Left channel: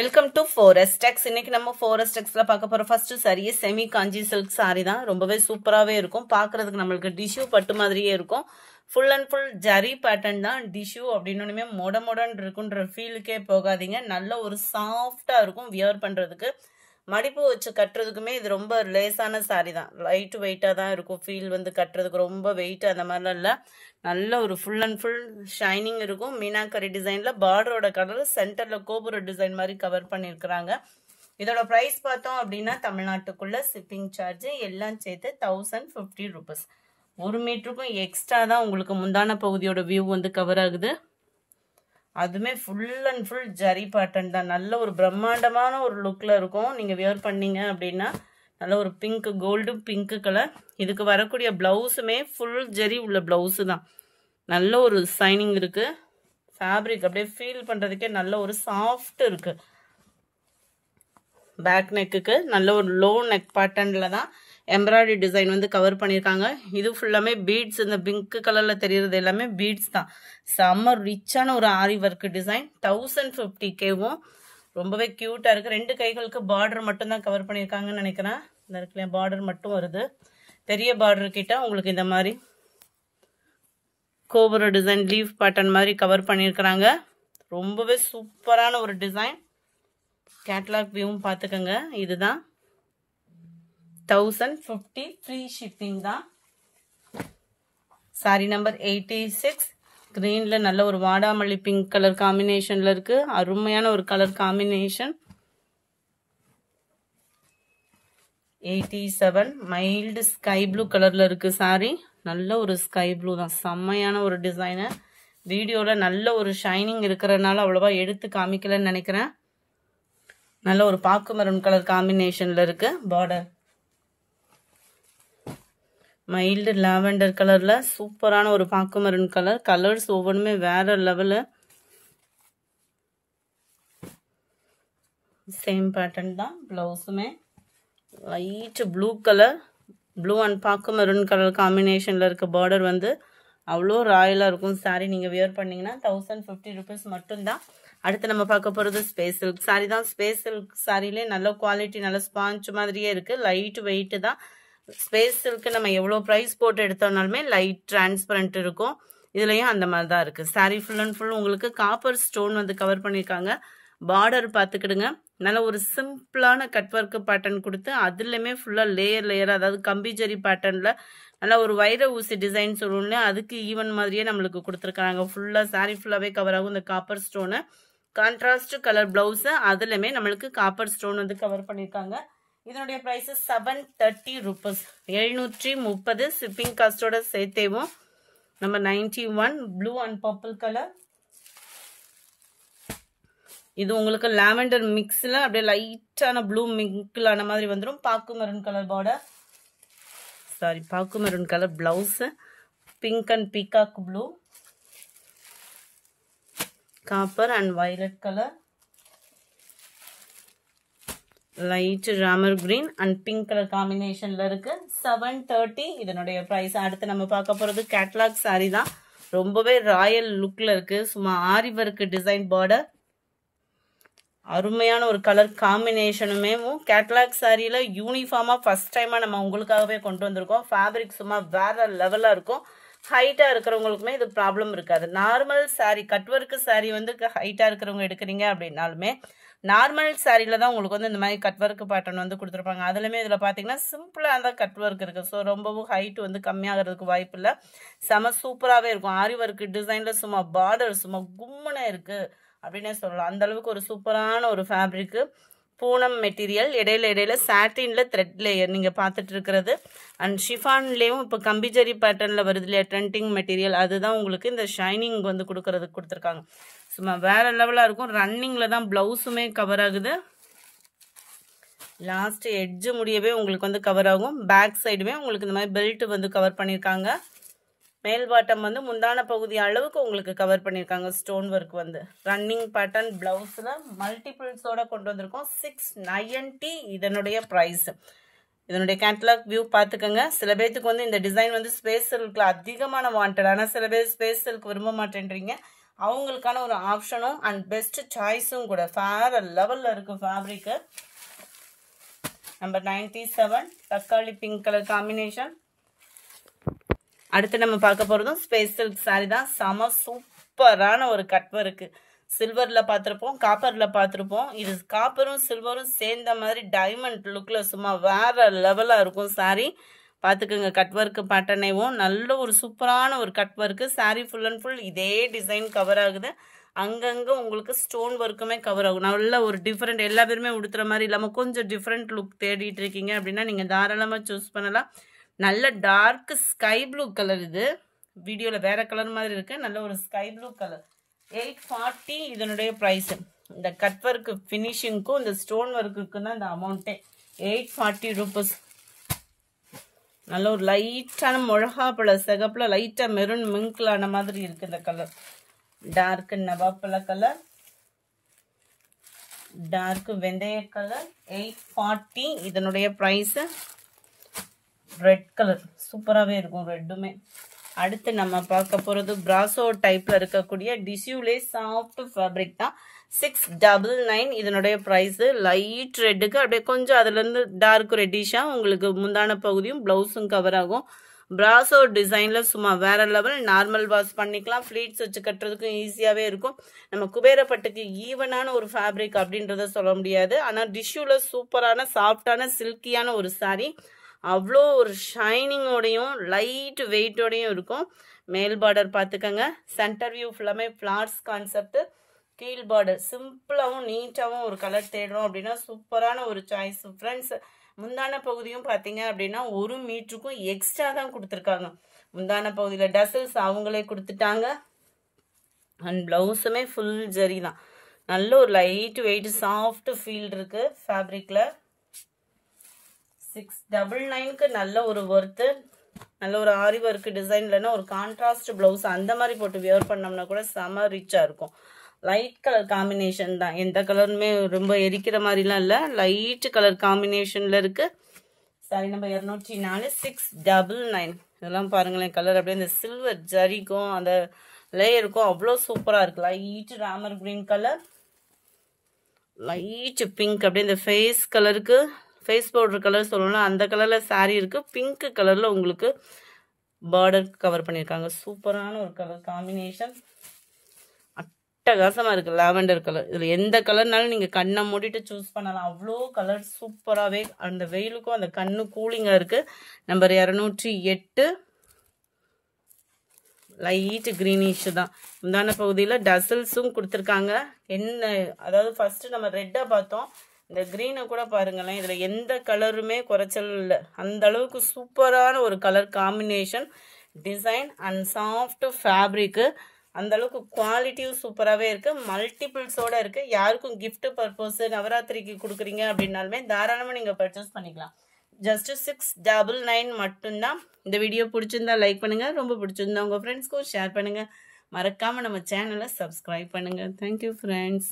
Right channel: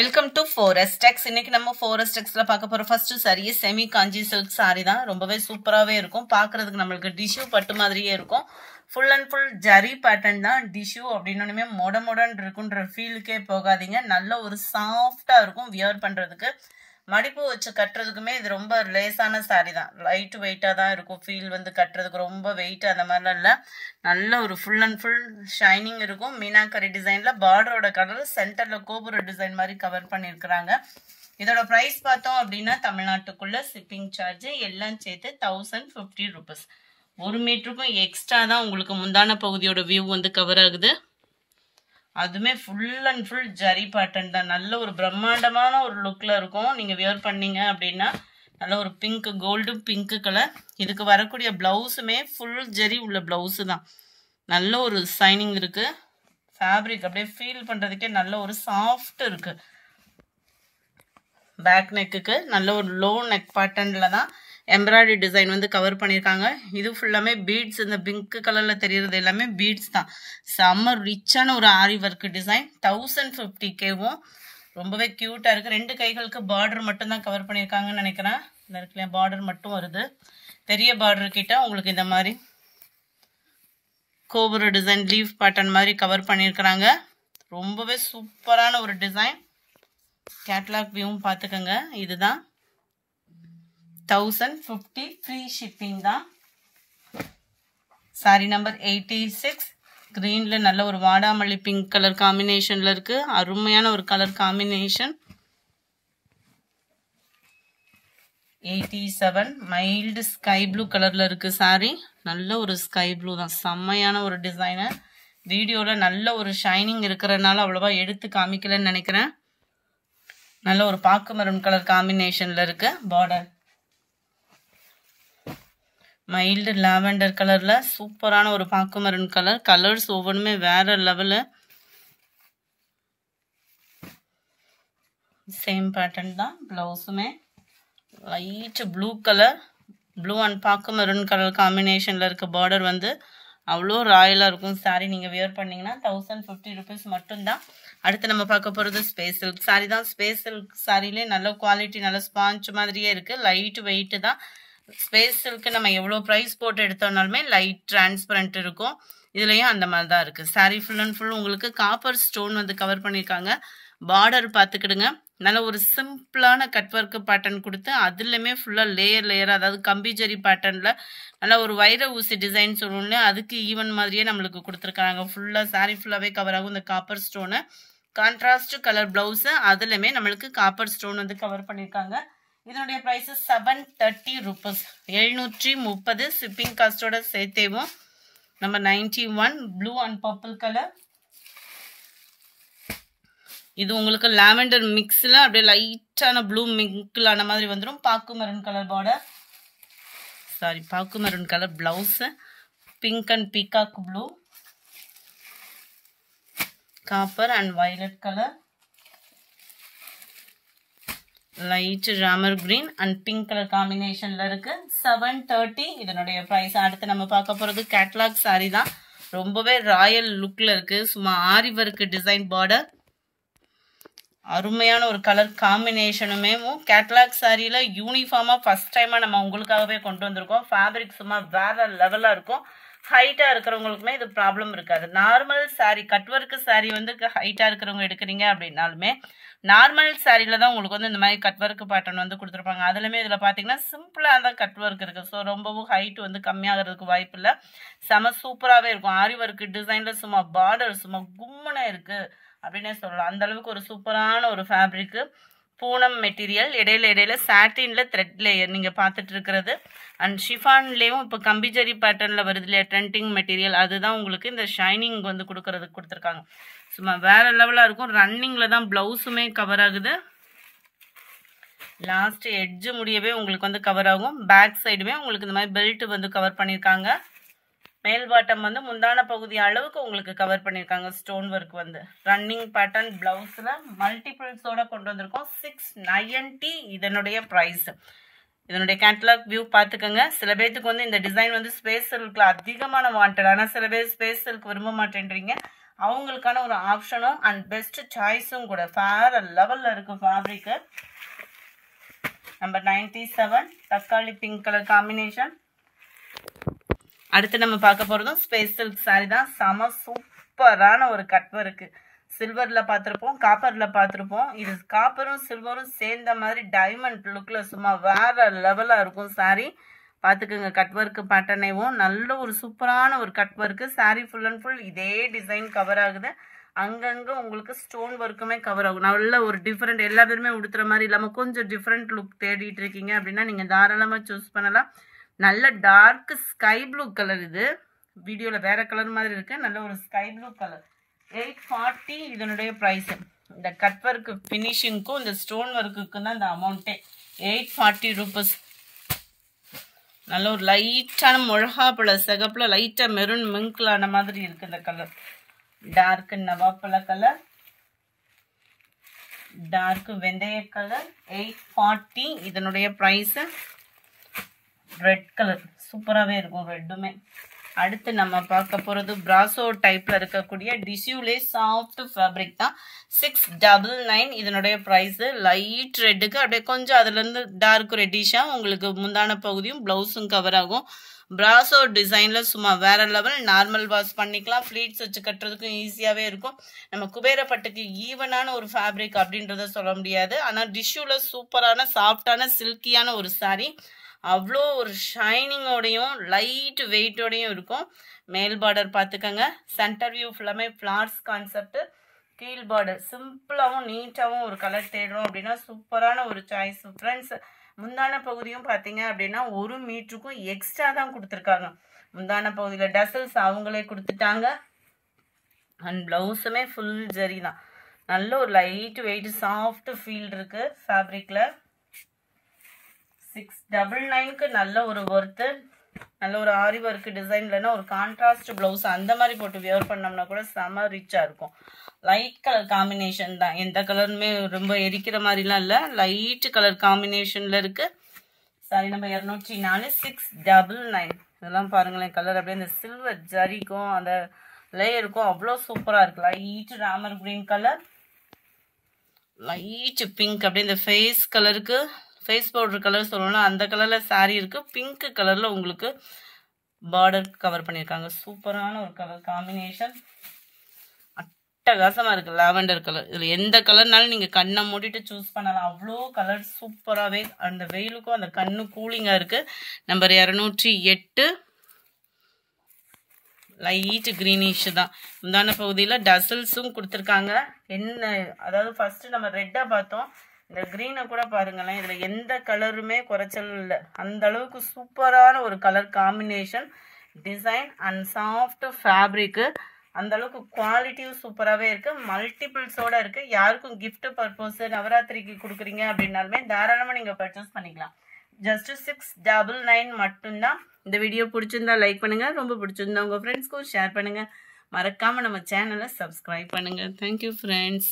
Welcome to forest டெக்ஸ். இன்னைக்கு நம்ம forest டெக்ஸ்ல பார்க்க போற ஃபர்ஸ்ட் சாரி செமி காஞ்சி சில்க் சாரி தான். ரொம்பவே சூப்பராகவே இருக்கும். பார்க்கறதுக்கு நம்மளுக்கு டிஷ்யூ பட்டு மாதிரியே இருக்கும். Full and full zari pattern தான். டிஷ்யூ அப்படின்னே மொடன்னு இருக்குன்ற ஃபீலுக்கே போகாதீங்க. நல்ல ஒரு சாஃப்டா இருக்கும் வியர் பண்றதுக்கு. மடிப்பு வச்சு கட்டுறதுக்குமே இது ரொம்ப லேசான சாரி தான். லைட் வெயிட்டாக தான் இருக்கும். ஃபீல் வந்து கட்டுறதுக்கு ரொம்ப வெயிட் அந்த மாதிரிலாம் இல்லை. நல்ல ஒரு ஃபுல் அண்ட் ஃபுல் ஷைனிங் இருக்கும். மீனாக்கரி டிசைனில் பார்டரோட கலர் சென்டரில் கோபுர டிசைன் மாதிரி கவர் பண்ணியிருக்கிறாங்க. இதோட ப்ரைஸ் பார்த்தோம் அப்படின்னா தமிழ்நாட்டுக்குள்ள ஷிப்பிங் சார்ஜ் எல்லாம் சேர்த்து 1050 rupees. 1 மீட்டருக்கும் எக்ஸ்ட்ரா தான் உங்களுக்கு முந்தான பகுதியோட வியூ வந்து கவர் ஆகுது. அதுமே full and full zari pattern தான். நல்ல ஒரு பிரம்மாண்டமான ஒரு லுக்கில் இருக்கும். நீங்கள் வியர் பண்ணீங்க அப்படின்னா நல்ல ஒரு பிங்க், கோல்டு பிங்க் கலர். இதுக்கு வரக்கூடிய ப்ளவுஸுமே ஃபுல் ஜரி உள்ள ப்ளவுஸு தான். நல்ல ஒரு ஷைனிங் இருக்குது. ஃபேப்ரிக் அப்படியே ஃபீல் பண்ணுறதுக்கே நல்ல ஒரு சாஃப்ட் இருக்குது. பேக் நெக்குக்கு நல்ல ஒரு லோ நெக் பேட்டர்னில் தான் எம்ப்ராய்டரி டிசைன் வந்து கவர் பண்ணியிருக்காங்க. இது ஃபுல்லாமே பீட்ஸ். இந்த பிங்க் கலரில் தெரிகிறது எல்லாமே பீட்ஸ் தான். செம்ம ரிச்சான ஒரு ஆரி ஒர்க் டிசைன். 1050Kவும் ரொம்பவே க்யூட்டாக இருக்குது. 2 கைகளுக்கு பார்டர் மட்டும் தான் கவர் பண்ணியிருக்காங்கன்னு நினைக்கிறேன். இந்த இடத்துல பார்டர் மட்டும் வருது. பெரிய பார்டர் கிட்ட உங்களுக்கு இந்த மாதிரி கோபுர டிசைன் லீஃப் பேட்டர்ன் மாதிரி கவர் பண்ணியிருக்கிறாங்க. ரொம்பவே சூப்பரான ஒரு டிசைன். கேட்லாக் வியூவும் பார்த்துக்கோங்க. இதுதான் 1050 ஃப்ரீ ஷிப்பிங் தான். சாரி நம்பர் 86 கிரீன்ல நல்ல ஒரு வாடாமல்லி பிங்க் கலர் காம்பினேஷன்ல இருக்கு. அருமையான ஒரு colour combination. 87 mild sky blue கலர்ல இருக்கு சாரி. நல்ல ஒரு ஸ்கை ப்ளூ தான். செம்மையான ஒரு டிசைனு. வீடியோவில் நல்ல ஒரு ஷைனிங் இருக்கிறதுனால அவ்வளோவா எடுத்து காமிக்கலன்னு நினைக்கிறேன். நல்ல ஒரு பாக்கு மரம் கலர் காம்பினேஷன்ல இருக்கு. பார்டர் மைல்டு லாவெண்டர் கலர்ல சூப்பரான ஒரு பாக்கு மரம் கலர். கலர்ஸ் ஒவ்வொன்றுமே வேற லெவலு. சேம் பேட்டர்ன் தான். பிளவுஸுமே light blue colour, blue and பாக்கு மெரூன் கலர் காம்பினேஷன்ல இருக்க பார்டர் வந்து அவ்வளோ ராயலாக இருக்கும். சாரி நீங்கள் வியர் பண்ணிங்கன்னா 1050 rupees மட்டும்தான். அடுத்து நம்ம பார்க்க போகிறது ஸ்பேஸ் சில்க் சாரி தான். ஸ்பேஸ் சில்க் சாரிலே நல்ல குவாலிட்டி, நல்ல ஸ்பாஞ்ச் மாதிரியே இருக்குது. லைட் வெயிட்டு தான். ஸ்பேஸ் சில்க்கு நம்ம எவ்வளோ ப்ரைஸ் போட்டு எடுத்தோம்னாலுமே லைட் டிரான்ஸ்பரண்ட் இருக்கும். இதுலேயும் அந்த மாதிரி தான் இருக்குது. சாரி ஃபுல் அண்ட் ஃபுல் உங்களுக்கு காப்பர் ஸ்டோன் வந்து கவர் பண்ணியிருக்காங்க. பார்டர் பார்த்துக்கிடுங்க. நல்ல ஒரு சிம்பிளான கட் ஒர்க்கு பேட்டர்ன் கொடுத்து அதுலேயுமே ஃபுல்லாக லேயர் அதாவது கம்பிஜரி பேட்டர்னில் நல்ல ஒரு வைர ஊசி டிசைன் சொல்லணும்ல, அதுக்கு ஈவன் மாதிரியே நம்மளுக்கு கொடுத்துருக்காங்க. ஃபுல்லாக சாரி ஃபுல்லாகவே கவர் ஆகும் இந்த copper stone. Contrast colour blouse அதுலேயுமே நம்மளுக்கு காப்பர் ஸ்டோன் வந்து கவர் பண்ணியிருக்காங்க. இதனுடைய ப்ரைஸு 730 rupees. 730 ஷிப்பிங் காஸ்டோட சேர்த்தேவும். நம்ம 91 ப்ளூ அண்ட் பர்பிள் கலர். இது உங்களுக்கு லாவெண்டர் மிக்ஸில் அப்படியே லைட்டான ப்ளூ மிங்கிள் ஆன மாதிரி வந்துடும். பாக்கு மெரூன் கலர் பார்டர், சாரி பாக்கு maroon colour blouse. Pink and peacock blue, copper and violet colour, light Ramar green and pink colour காம்பினேஷன்ல இருக்கு. 730 இதனுடைய ப்ரைஸ். அடுத்து நம்ம பார்க்க போகிறது கேட்லாக் சாரி தான். ரொம்பவே ராயல் லுக்கில் இருக்கு. சும்மா ஆரி ஒர்க் டிசைன் பார்டர். அருமையான ஒரு கலர் காம்பினேஷனுமே. கேட்லாக் சாரியில் யூனிஃபார்மாக ஃபஸ்ட் டைமாக நம்ம உங்களுக்காகவே கொண்டு வந்திருக்கோம். ஃபேப்ரிக் சும்மா வேற லெவலாக இருக்கும். ஹைட்டாக இருக்கிறவங்களுக்குமே இது ப்ராப்ளம் இருக்காது. Normal sorry cut work sorry வந்து ஹைட்டாக இருக்கிறவங்க எடுக்கிறீங்க அப்படின்னாலுமே நார்மல் சாரியில் தான் உங்களுக்கு வந்து இந்த மாதிரி கட் ஒர்க்கு பேட்டர்ன் வந்து கொடுத்துருப்பாங்க. அதுலேயுமே இதில் பார்த்தீங்கன்னா சிம்பிளாக தான் கட் ஒர்க் இருக்குது. ஸோ ரொம்பவும் ஹைட் வந்து கம்மியாகிறதுக்கு வாய்ப்பு இல்லை. செம சூப்பராகவே இருக்கும். ஆரி ஒர்க்கு டிசைனில் சும்மா பார்டர் சும்மா கும்முனே இருக்குது அப்படின்னே சொல்லலாம். அந்த அளவுக்கு ஒரு சூப்பரான ஒரு ஃபேப்ரிக்கு. பூனம் மெட்டீரியல். இடையில சாட்டினில் த்ரெட் லேயர் நீங்கள் பார்த்துட்டு இருக்கிறது. அண்ட் ஷிஃபான்லேயும் இப்போ கம்பிஜரி பேட்டர்னில் வருது இல்லையா ட்ரெண்டிங் மெட்டீரியல், அதுதான் உங்களுக்கு இந்த ஷைனிங் வந்து கொடுக்கறதுக்கு கொடுத்துருக்காங்க. சும்மா வேற லெவலாக இருக்கும். ரன்னிங்கில் தான் ப்ளவுஸுமே கவர் ஆகுது. லாஸ்ட் எட்ஜு முடியவே உங்களுக்கு வந்து கவர் ஆகும். பேக் சைடுமே உங்களுக்கு இந்த மாதிரி பெல்ட் வந்து கவர் பண்ணியிருக்காங்க. மேல் பாட்டம் வந்து முந்தான பகுதி அளவுக்கு உங்களுக்கு கவர் பண்ணியிருக்காங்க. ஸ்டோன் ஒர்க் வந்து ரன்னிங் பேட்டர்ன் பிளவுஸில் மல்டிபிள்ஸோட கொண்டு வந்திருக்கோம். 690 இதனுடைய ப்ரைஸ். இதனுடைய கேட்டலாக் வியூ பார்த்துக்கோங்க. சில பேர்த்துக்கு வந்து இந்த டிசைன் வந்து ஸ்பேஸ் சில்கில் அதிகமான வாண்டட். ஆனால் சில பேர் ஸ்பேஸ் சில்க் விரும்ப மாட்டேன்றீங்க. அவங்களுக்கான ஒரு ஆப்ஷனும் அண்ட் பெஸ்ட் சாய்ஸும் கூட. வேற லெவல்ல இருக்கும் ஃபேப்ரிக். நம்பர் 97 தக்காளி பிங்க் கலர் காம்பினேஷன். அடுத்து நம்ம பார்க்க போறதும் ஸ்பேஸ் சில்க் சாரி தான். செம சூப்பரான ஒரு கட் ஒர்க். சில்வர்ல பார்த்துருப்போம், காப்பர்ல பார்த்துருப்போம். இது காப்பரும் சில்வரும் சேர்ந்த மாதிரி டைமண்ட் லுக்ல சும்மா வேற லெவலா இருக்கும் சாரி. பார்த்துக்குங்க கட் ஒர்க் பேட்டர்னேவும் நல்ல ஒரு சூப்பரான ஒரு cut work. Sorry full and full இதே டிசைன் கவர் ஆகுது. அங்கங்கே உங்களுக்கு ஸ்டோன் ஒர்க்குமே கவர் ஆகும். நல்ல ஒரு டிஃப்ரெண்ட், எல்லா பேருமே உடுத்துற மாதிரி இல்லாமல் கொஞ்சம் டிஃப்ரெண்ட் லுக் தேடிட்டு இருக்கீங்க அப்படின்னா நீங்கள் தாராளமாக சூஸ் பண்ணலாம். நல்ல டார்க் ஸ்கை ப்ளூ கலர். இது வீடியோவில் வேற கலர் மாதிரி இருக்கு. நல்ல ஒரு ஸ்கை ப்ளூ கலர். 840 இதனுடைய ப்ரைஸ். இந்த கட் ஒர்க் ஃபினிஷிங்க்கும் இந்த ஸ்டோன் ஒர்க்குக்கும் தான் இந்த அமௌண்ட்டே. 840 ரூபீஸ். நல்ல ஒரு லைட்டான மிளகா பழ சிகப்பில் லைட்டாக மெரூன் மிங்க்லான மாதிரி இருக்கு இந்த கலர். டார்க் நவாப்பழ கலர், டார்க் வெந்தய கலர். 840 இதனுடைய ப்ரைஸ். ரெட் கலர் சூப்பராகவே இருக்கும் ரெட்டுமே. அடுத்து நம்ம பார்க்க போகிறது பிராசோ டைப்பில் இருக்கக்கூடிய டிஷ்யூலே சாஃப்ட் ஃபேப்ரிக் தான். 699 இதனுடைய ப்ரைஸு. லைட் ரெட்டுக்கு அப்படியே கொஞ்சம் அதுலேருந்து டார்க் ரெட்டிஷாக உங்களுக்கு முந்தான பகுதியும் ப்ளவுஸும் கவர் ஆகும். பிராசோ டிசைனில் சும்மா வேற லெவல். நார்மல் வாஷ் பண்ணிக்கலாம், ஃப்ளீட்ஸ் வச்சு கட்டுறதுக்கும் ஈஸியாகவே இருக்கும். நம்ம குபேரப்பட்டுக்கு ஈவனான ஒரு ஃபேப்ரிக் அப்படின்றத சொல்ல முடியாது. ஆனால் டிஷ்யூவில் சூப்பரான சாஃப்டான சில்கியான ஒரு சாரீ. அவ்வளோ ஒரு ஷைனிங்கோடையும் லைட் வெயிட்டோடையும் இருக்கும். மேல் பார்டர் பார்த்துக்கங்க. சென்டர் வியூ ஃபுல்லாமே ஃப்ளார்ஸ் கான்செப்ட். கீழ் பார்டர் சிம்பிளாகவும் நீட்டாகவும் ஒரு கலர் தேடுறோம் அப்படின்னா சூப்பரான ஒரு சாய்ஸ் ஃப்ரெண்ட்ஸ். முந்தான பகுதியும் பார்த்தீங்க அப்படின்னா 1 மீட்டருக்கும் எக்ஸ்ட்ரா தான் கொடுத்துருக்காங்க. முந்தான பகுதியில் டசல்ஸ் அவங்களே கொடுத்துட்டாங்க. அண்ட் ப்ளவுஸுமே ஃபுல் ஜரி தான். நல்ல ஒரு லைட் வெயிட் சாஃப்ட் ஃபீல் இருக்கு ஃபேப்ரிக்ல. 699க்கு நல்ல ஒரு ஒர்த்து. நல்ல ஒரு ஆரி ஒர்க் டிசைன்லன்னா ஒரு கான்ட்ராஸ்ட் பிளவுஸ் அந்த மாதிரி போட்டு வியர் பண்ணோம்னா கூட செம ரிச்சா இருக்கும். லைட் கலர் காம்பினேஷன் தான். எந்த கலருமே ரொம்ப எரிக்கிற மாதிரிலாம் இல்லை. லைட் கலர் காம்பினேஷன்ல இருக்கு. Sorry number 204. 699. இதெல்லாம் பாருங்களேன் கலர் அப்படியே இந்த சில்வர் ஜரிக்கும் அந்த லேயருக்கும் அவ்வளோ சூப்பரா இருக்கு. Light Ramar green colour, light pink அப்படியே இந்த ஃபேஸ் கலருக்கு, ஃபேஸ் பவுடர் கலர் சொல்லணும் அந்த கலரில் சாரீ இருக்குது. பிங்க் கலரில் உங்களுக்கு பார்டர் கவர் பண்ணியிருக்காங்க. சூப்பரான ஒரு கலர் காம்பினேஷன். அட்டகாசமாக இருக்குது. Lavender colour. இதில் எந்த கலர்னாலும் நீங்கள் கண்ணை மூடிட்டு சூஸ் பண்ணலாம். அவ்வளோ கலர் சூப்பராகவே அந்த வெயிலுக்கும் அந்த கண்ணு கூலிங்காக இருக்குது. நம்பர் 208. லைட் க்ரீனிஷ் தான். முந்தான பகுதியில் டசல்ஸும் கொடுத்துருக்காங்க. என்ன அதாவது ஃபர்ஸ்ட் நம்ம ரெட்டாக பார்த்தோம். இந்த க்ரீனை கூட பாருங்களேன். இதில் எந்த கலருமே குறைச்சல் இல்லை. அந்த அளவுக்கு சூப்பரான ஒரு colour combination, design and soft fabric. அந்த அளவுக்கு குவாலிட்டியும் சூப்பராகவே இருக்குது. மல்டிபிள்ஸோடு இருக்குது. யாருக்கும் கிஃப்ட் பர்பஸ் நவராத்திரிக்கு கொடுக்குறீங்க அப்படின்னாலுமே தாராளமாக நீங்கள் பர்ச்சேஸ் பண்ணிக்கலாம். ஜஸ்ட் 699 மட்டும்தான். இந்த வீடியோ பிடிச்சிருந்தா லைக் பண்ணுங்கள். ரொம்ப பிடிச்சிருந்தா உங்கள் ஃப்ரெண்ட்ஸ்க்கும் ஷேர் பண்ணுங்கள். மறக்காமல் நம்ம சேனலை சப்ஸ்கிரைப் பண்ணுங்கள். Thank you friends.